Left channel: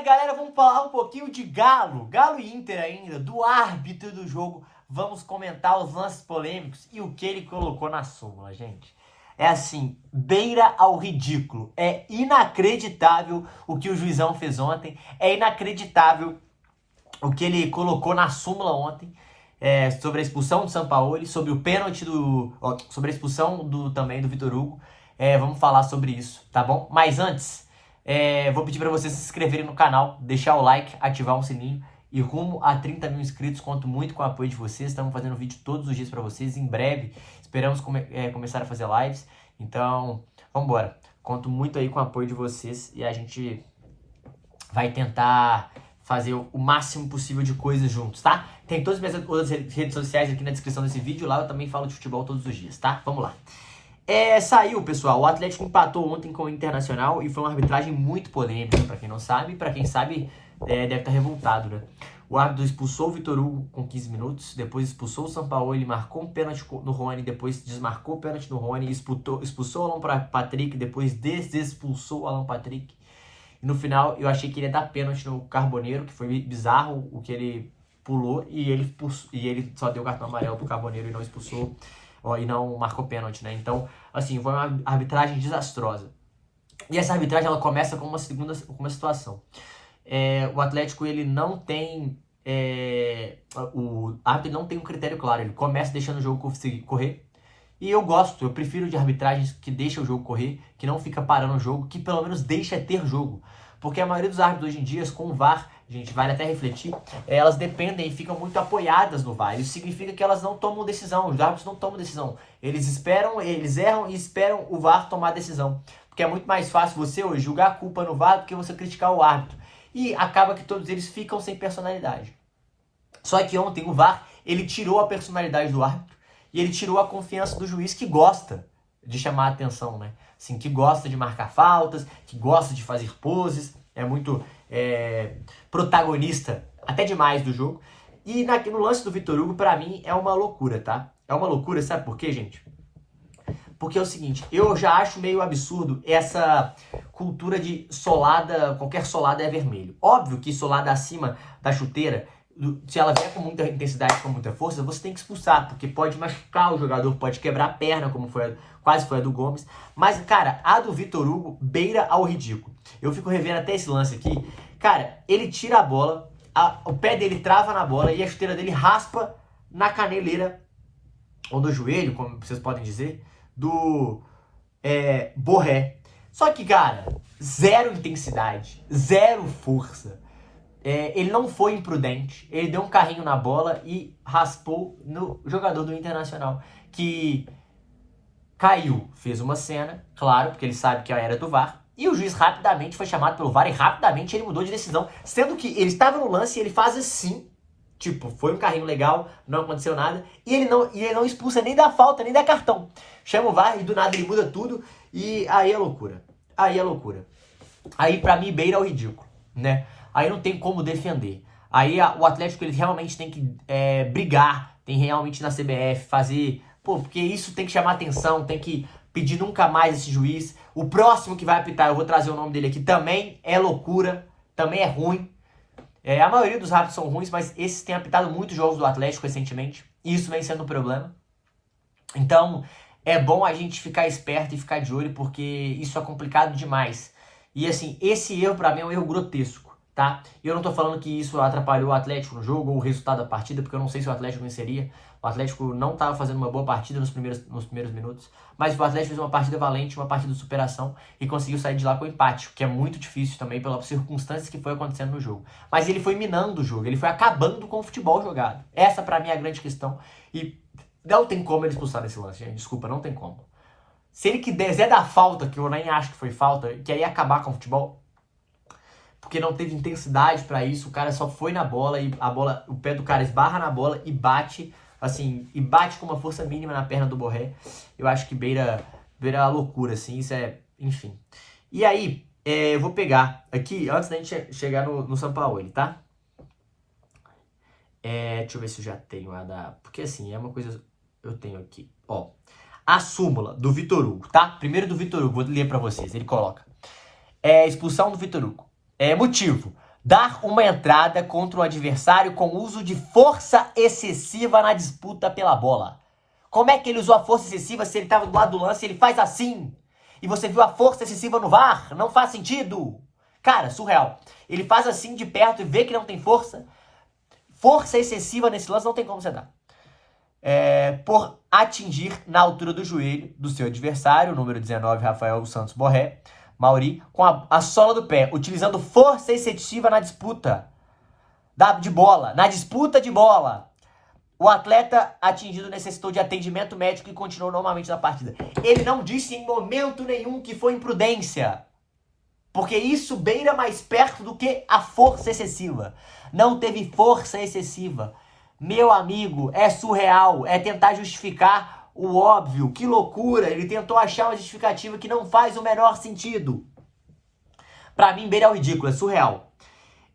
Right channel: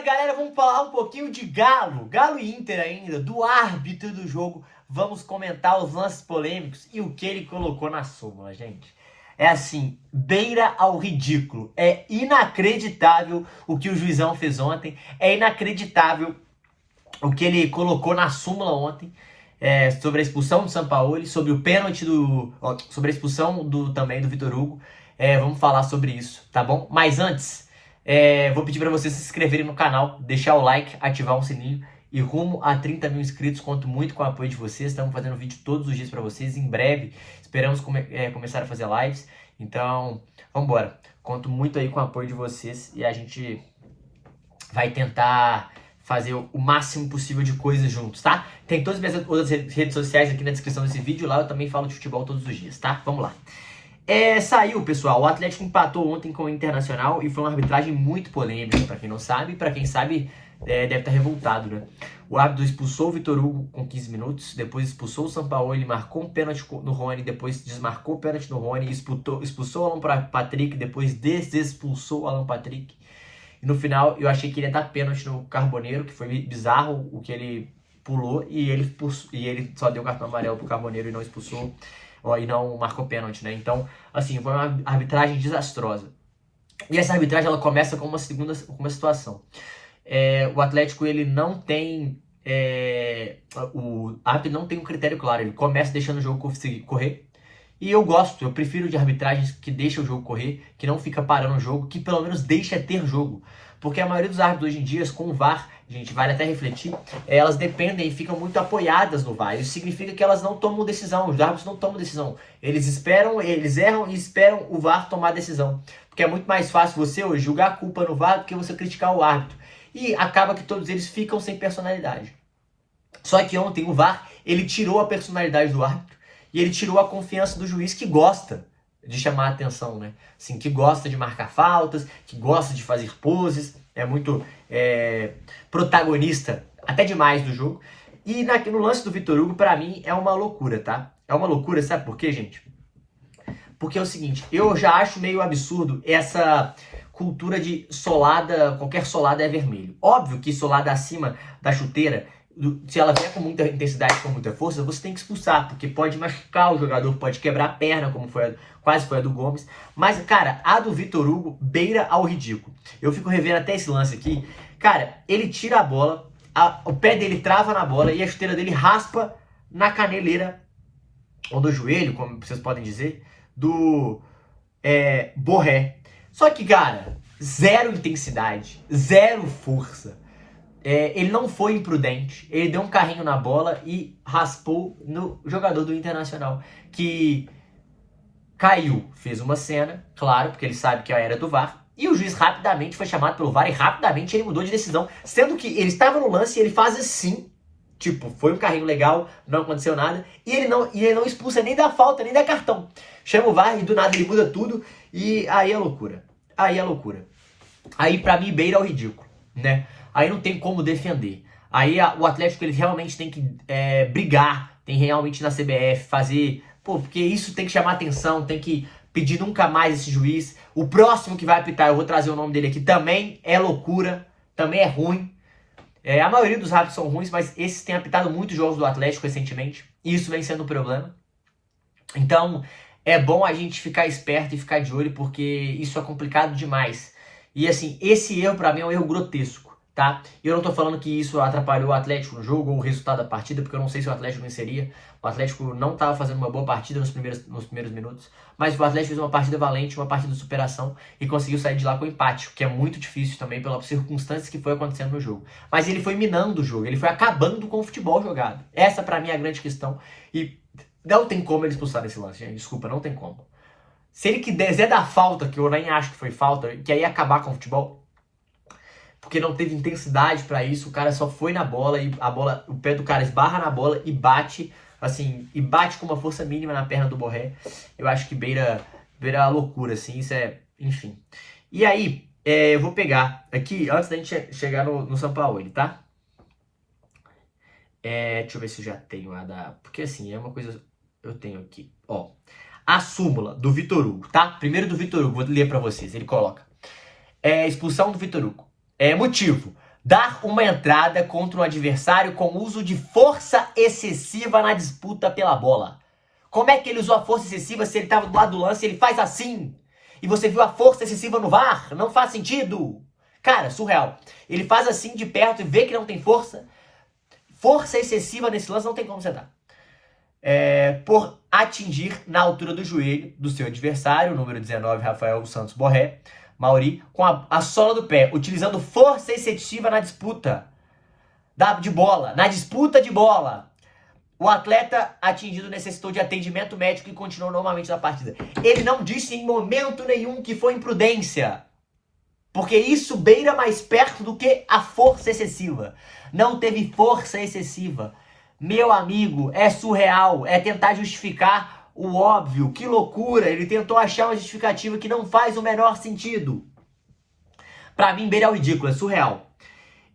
Fala galera, vamos falar um pouquinho de Galo e Inter ainda, do árbitro do jogo. Vamos comentar os lances polêmicos e o que ele colocou na súmula, gente. É assim, beira ao ridículo. É inacreditável o que o juizão fez ontem. É inacreditável o que ele colocou na súmula ontem. Sobre a expulsão do Sampaoli, sobre o pênalti sobre a expulsão também do Vitor Hugo. Vamos falar sobre isso, tá bom? Mas antes, vou pedir para vocês se inscreverem no canal, deixar o like, ativar o sininho e rumo a 30 mil inscritos. Conto muito com o apoio de vocês. Estamos fazendo vídeo todos os dias para vocês. Em breve, esperamos começar a fazer lives. Então, vamos embora. Conto muito aí com o apoio de vocês e a gente vai tentar fazer o máximo possível de coisas juntos, tá? Tem todas as minhas outras redes sociais aqui na descrição desse vídeo. Lá eu também falo de futebol todos os dias, tá? Vamos lá. Saiu, pessoal, o Atlético empatou ontem com o Internacional e foi uma arbitragem muito polêmica, pra quem não sabe. Pra quem sabe, deve estar revoltado, né? O árbitro expulsou o Vitor Hugo com 15 minutos, depois expulsou o Sampaoli, marcou um pênalti no Rony, depois desmarcou o pênalti no Rony, expulsou o Alan Patrick, depois desexpulsou o Alan Patrick. E no final, eu achei que ele ia dar pênalti no Carboneiro, que foi bizarro o que ele pulou, e ele só deu cartão amarelo pro Carboneiro e não expulsou, e não marcou pênalti, né? Então, assim, foi uma arbitragem desastrosa. E essa arbitragem, ela começa com uma situação. O Atlético, ele não tem... o árbitro não tem um critério claro. Ele começa deixando o jogo correr. E eu prefiro de arbitragens que deixam o jogo correr, que não fica parando o jogo, que pelo menos deixa ter jogo. Porque a maioria dos árbitros hoje em dia, com o VAR, gente, vale até refletir, elas dependem e ficam muito apoiadas no VAR. Isso significa que elas não tomam decisão, os árbitros não tomam decisão. Eles erram e esperam o VAR tomar a decisão. Porque é muito mais fácil você hoje julgar a culpa no VAR do que você criticar o árbitro. E acaba que todos eles ficam sem personalidade. Só que ontem o VAR, ele tirou a personalidade do árbitro e ele tirou a confiança do juiz, que gosta de chamar a atenção, né? Assim, que gosta de marcar faltas, que gosta de fazer poses, é muito protagonista, até demais do jogo. E no lance do Vitor Hugo, pra mim, é uma loucura, tá? É uma loucura, sabe por quê, gente? Porque é o seguinte, eu já acho meio absurdo essa cultura de solada, qualquer solada é vermelho. Óbvio que solada acima da chuteira, se ela vier com muita intensidade, com muita força, você tem que expulsar, porque pode machucar o jogador, pode quebrar a perna, como quase foi a do Gomes. Mas, cara, a do Vitor Hugo beira ao ridículo. Eu fico revendo até esse lance aqui. Cara, ele tira a bola, o pé dele trava na bola e a chuteira dele raspa na caneleira, ou no joelho, como vocês podem dizer, do Borré. Só que, cara, zero intensidade, zero força. Ele não foi imprudente, ele deu um carrinho na bola e raspou no jogador do Internacional, que caiu, fez uma cena, claro, porque ele sabe que era do VAR, e o juiz rapidamente foi chamado pelo VAR e rapidamente ele mudou de decisão, sendo que ele estava no lance e ele faz assim, tipo, foi um carrinho legal, não aconteceu nada, e ele não expulsa nem da falta, nem da cartão. Chama o VAR e do nada ele muda tudo, e aí é loucura. Aí pra mim beira ao ridículo, né? Aí não tem como defender. Aí o Atlético, ele realmente tem que brigar, tem realmente na CBF fazer... porque isso tem que chamar atenção, tem que pedir nunca mais esse juiz. O próximo que vai apitar, eu vou trazer o nome dele aqui, também é loucura, também é ruim. A maioria dos árbitros são ruins, mas esses têm apitado muitos jogos do Atlético recentemente, e isso vem sendo um problema. Então, é bom a gente ficar esperto e ficar de olho, porque isso é complicado demais. E assim, esse erro pra mim é um erro grotesco. Tá? Eu não tô falando que isso atrapalhou o Atlético no jogo ou o resultado da partida, porque eu não sei se o Atlético venceria. O Atlético não estava fazendo uma boa partida nos primeiros minutos, mas o Atlético fez uma partida valente, uma partida de superação e conseguiu sair de lá com empate, que é muito difícil também pelas circunstâncias que foi acontecendo no jogo. Mas ele foi minando o jogo, ele foi acabando com o futebol jogado. Essa pra mim é a grande questão e não tem como ele expulsar nesse lance, gente. Desculpa, não tem como. Se ele quiser dar falta, que eu nem acho que foi falta, que aí ia acabar com o futebol, porque não teve intensidade pra isso, o cara só foi na bola e o pé do cara esbarra na bola e bate, assim, e bate com uma força mínima na perna do Borré. Eu acho que beira a loucura, assim, isso enfim. E aí, eu vou pegar aqui, antes da gente chegar no Sampaoli, tá? Deixa eu ver se eu já tenho a da... Porque assim, é uma coisa... Eu tenho aqui, ó. A súmula do Vitor Hugo, tá? Primeiro do Vitor Hugo, vou ler pra vocês. Ele coloca: expulsão do Vitor Hugo. Motivo: dar uma entrada contra um adversário com uso de força excessiva na disputa pela bola. Como é que ele usou a força excessiva se ele estava do lado do lance e ele faz assim? E você viu a força excessiva no VAR? Não faz sentido. Cara, surreal. Ele faz assim de perto e vê que não tem força. Força excessiva nesse lance não tem como você dar. Por atingir na altura do joelho do seu adversário, o número 19, Rafael Santos Borré, Mauri, com a sola do pé, utilizando força excessiva na disputa de bola. Na disputa de bola. O atleta atingido necessitou de atendimento médico e continuou normalmente na partida. Ele não disse em momento nenhum que foi imprudência. Porque isso beira mais perto do que a força excessiva. Não teve força excessiva. Meu amigo, é surreal. É tentar justificar o óbvio. Que loucura. Ele tentou achar uma justificativa que não faz o menor sentido. Pra mim, beira o ridículo. É surreal.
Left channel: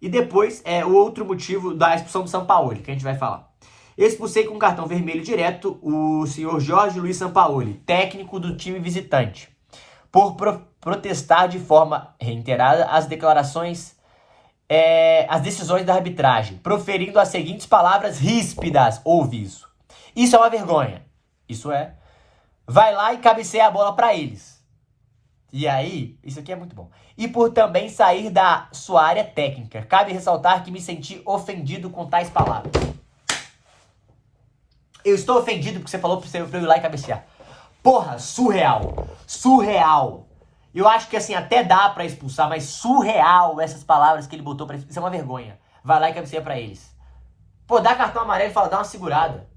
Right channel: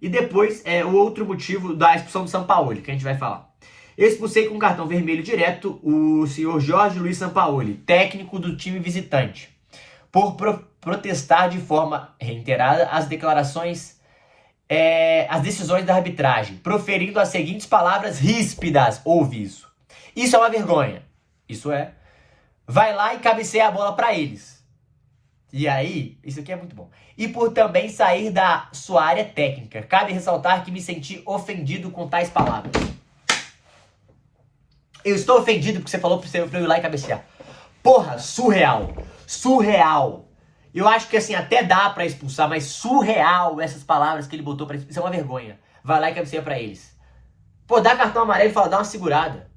E depois, o outro motivo da expulsão do Sampaoli, que a gente vai falar. Expulsei com cartão vermelho direto o senhor Jorge Luiz Sampaoli, técnico do time visitante, por protestar de forma reiterada as declarações, as decisões da arbitragem, proferindo as seguintes palavras ríspidas. Ouve isso. Isso é uma vergonha. Isso é. Vai lá e cabeceia a bola para eles. E aí, isso aqui é muito bom. E por também sair da sua área técnica. Cabe ressaltar que me senti ofendido com tais palavras. Eu estou ofendido porque você falou pra eu ir lá e cabecear. Porra, surreal. Surreal. Eu acho que assim, até dá pra expulsar, mas surreal essas palavras que ele botou pra expulsar. Isso é uma vergonha. Vai lá e cabeceia pra eles. Pô, dá cartão amarelo e fala, dá uma segurada.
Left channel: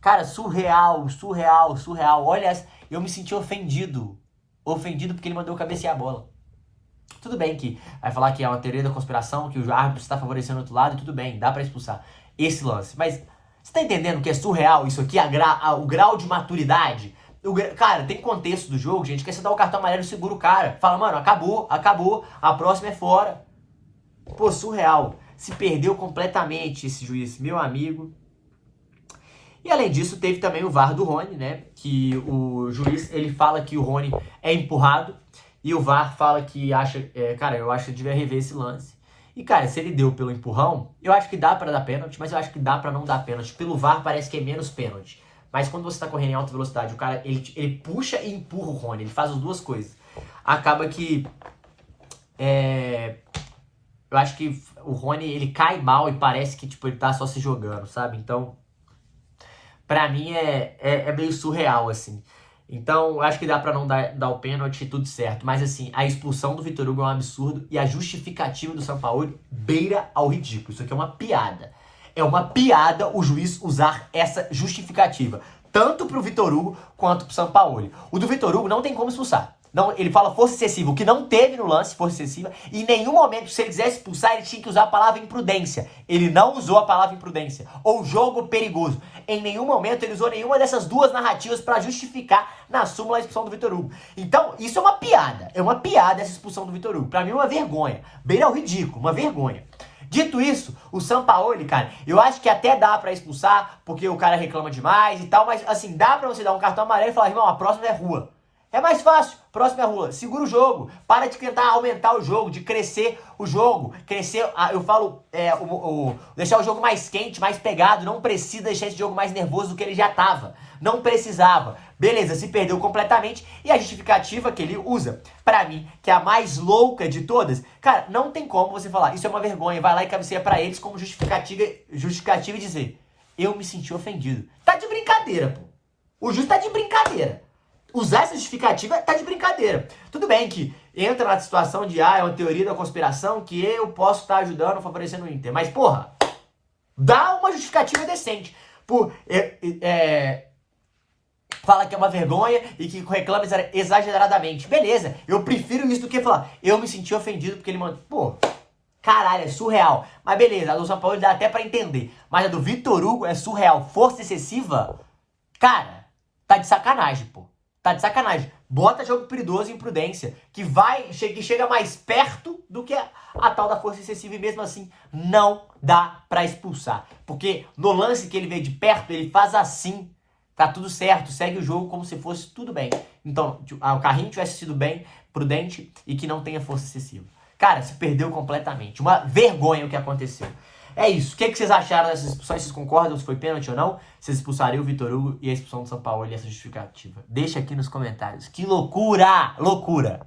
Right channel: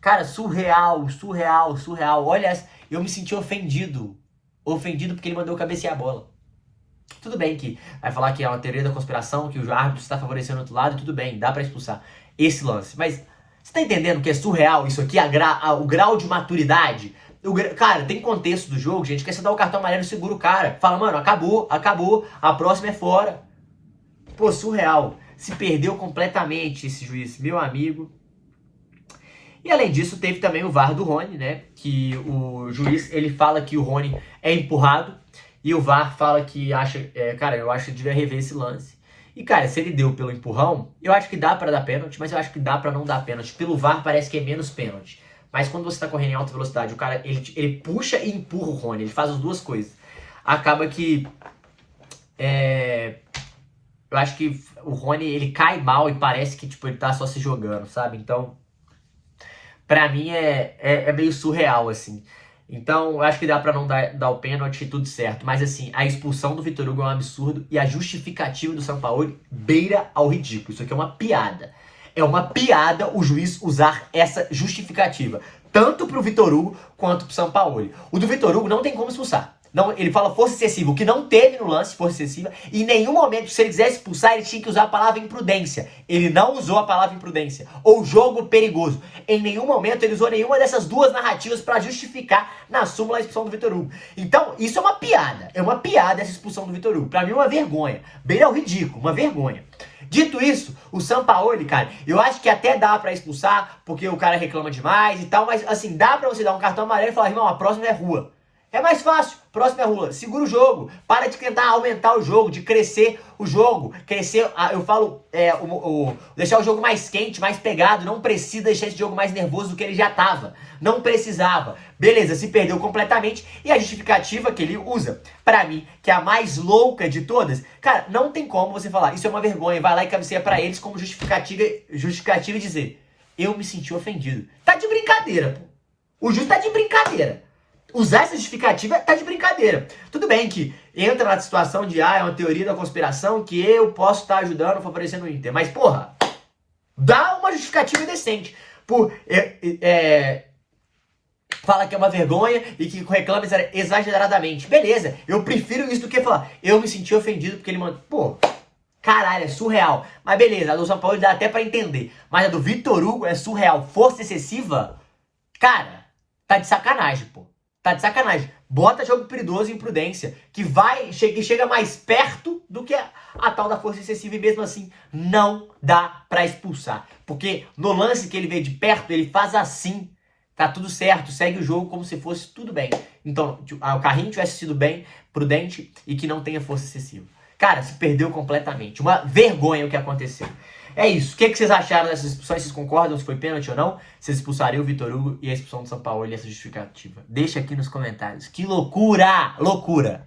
Cara, surreal, surreal, surreal. Olha, eu me senti ofendido. Ofendido porque ele mandou cabecear a bola. Tudo bem que vai falar que é uma teoria da conspiração, que o árbitro está favorecendo o outro lado, tudo bem, dá pra expulsar esse lance. Mas você tá entendendo que é surreal isso aqui, o grau de maturidade? Cara, tem contexto do jogo, gente, que você dá o cartão amarelo e segura o cara. Fala, mano, acabou, a próxima é fora. Pô, surreal. Se perdeu completamente esse juiz, meu amigo. E além disso, teve também o VAR do Rony, né? Que o juiz, ele fala que o Rony é empurrado. E o VAR fala que acha... cara, eu acho que devia rever esse lance. E, cara, se ele deu pelo empurrão, eu acho que dá pra dar pênalti, mas eu acho que dá pra não dar pênalti. Pelo VAR parece que é menos pênalti. Mas quando você tá correndo em alta velocidade, o cara, ele puxa e empurra o Rony. Ele faz as duas coisas. Acaba que... eu acho que o Rony, ele cai mal e parece que, tipo, ele tá só se jogando, sabe? Então, pra mim é meio surreal, assim. Então, eu acho que dá pra não dar o pênalti e tudo certo. Mas, assim, a expulsão do Vitor Hugo é um absurdo e a justificativa do Sampaoli beira ao ridículo. Isso aqui é uma piada. É uma piada o juiz usar essa justificativa. Tanto pro Vitor Hugo quanto pro Sampaoli. O do Vitor Hugo não tem como expulsar. Não, ele fala força excessiva, o que não teve no lance, força excessiva. E em nenhum momento, se ele quisesse expulsar, ele tinha que usar a palavra imprudência. Ele não usou a palavra imprudência. Ou jogo perigoso. Em nenhum momento ele usou nenhuma dessas duas narrativas para justificar na súmula a expulsão do Vitor Hugo. Então, isso é uma piada. É uma piada essa expulsão do Vitor Hugo. Pra mim é uma vergonha. Beira ao ridículo, uma vergonha. Dito isso, o Sampaoli, cara, eu acho que até dá pra expulsar, porque o cara reclama demais e tal, mas assim, dá pra você dar um cartão amarelo e falar, irmão, a próxima é rua. É mais fácil, próxima é rua, segura o jogo, para de tentar aumentar o jogo, de crescer o jogo, eu falo, deixar o jogo mais quente, mais pegado, não precisa deixar esse jogo mais nervoso do que ele já tava, não precisava, beleza, se perdeu completamente, e a justificativa que ele usa, pra mim, que é a mais louca de todas, cara, não tem como você falar, isso é uma vergonha, vai lá e cabeceia pra eles como justificativa e dizer, eu me senti ofendido, tá de brincadeira, pô, o juiz tá de brincadeira. Usar essa justificativa tá de brincadeira. Tudo bem que entra na situação de, é uma teoria da conspiração que eu posso estar ajudando, favorecendo o Inter. Mas, porra, dá uma justificativa decente. Fala que é uma vergonha e que reclama exageradamente. Beleza, eu prefiro isso do que falar, eu me senti ofendido porque ele mandou... Pô, caralho, é surreal. Mas beleza, a do São Paulo dá até pra entender. Mas a do Vitor Hugo é surreal. Força excessiva, cara, tá de sacanagem, pô. Tá de sacanagem. Bota jogo perigoso e imprudência, que chega mais perto do que a tal da força excessiva, e mesmo assim não dá pra expulsar. Porque no lance que ele vê de perto, ele faz assim, tá tudo certo, segue o jogo como se fosse tudo bem. Então, o carrinho tivesse sido bem, prudente e que não tenha força excessiva. Cara, se perdeu completamente. Uma vergonha o que aconteceu. É isso. O que vocês acharam dessas expulsões? Vocês concordam se foi pênalti ou não? Vocês expulsariam o Vitor Hugo e a expulsão do São Paulo e essa justificativa? Deixa aqui nos comentários. Que loucura! Loucura!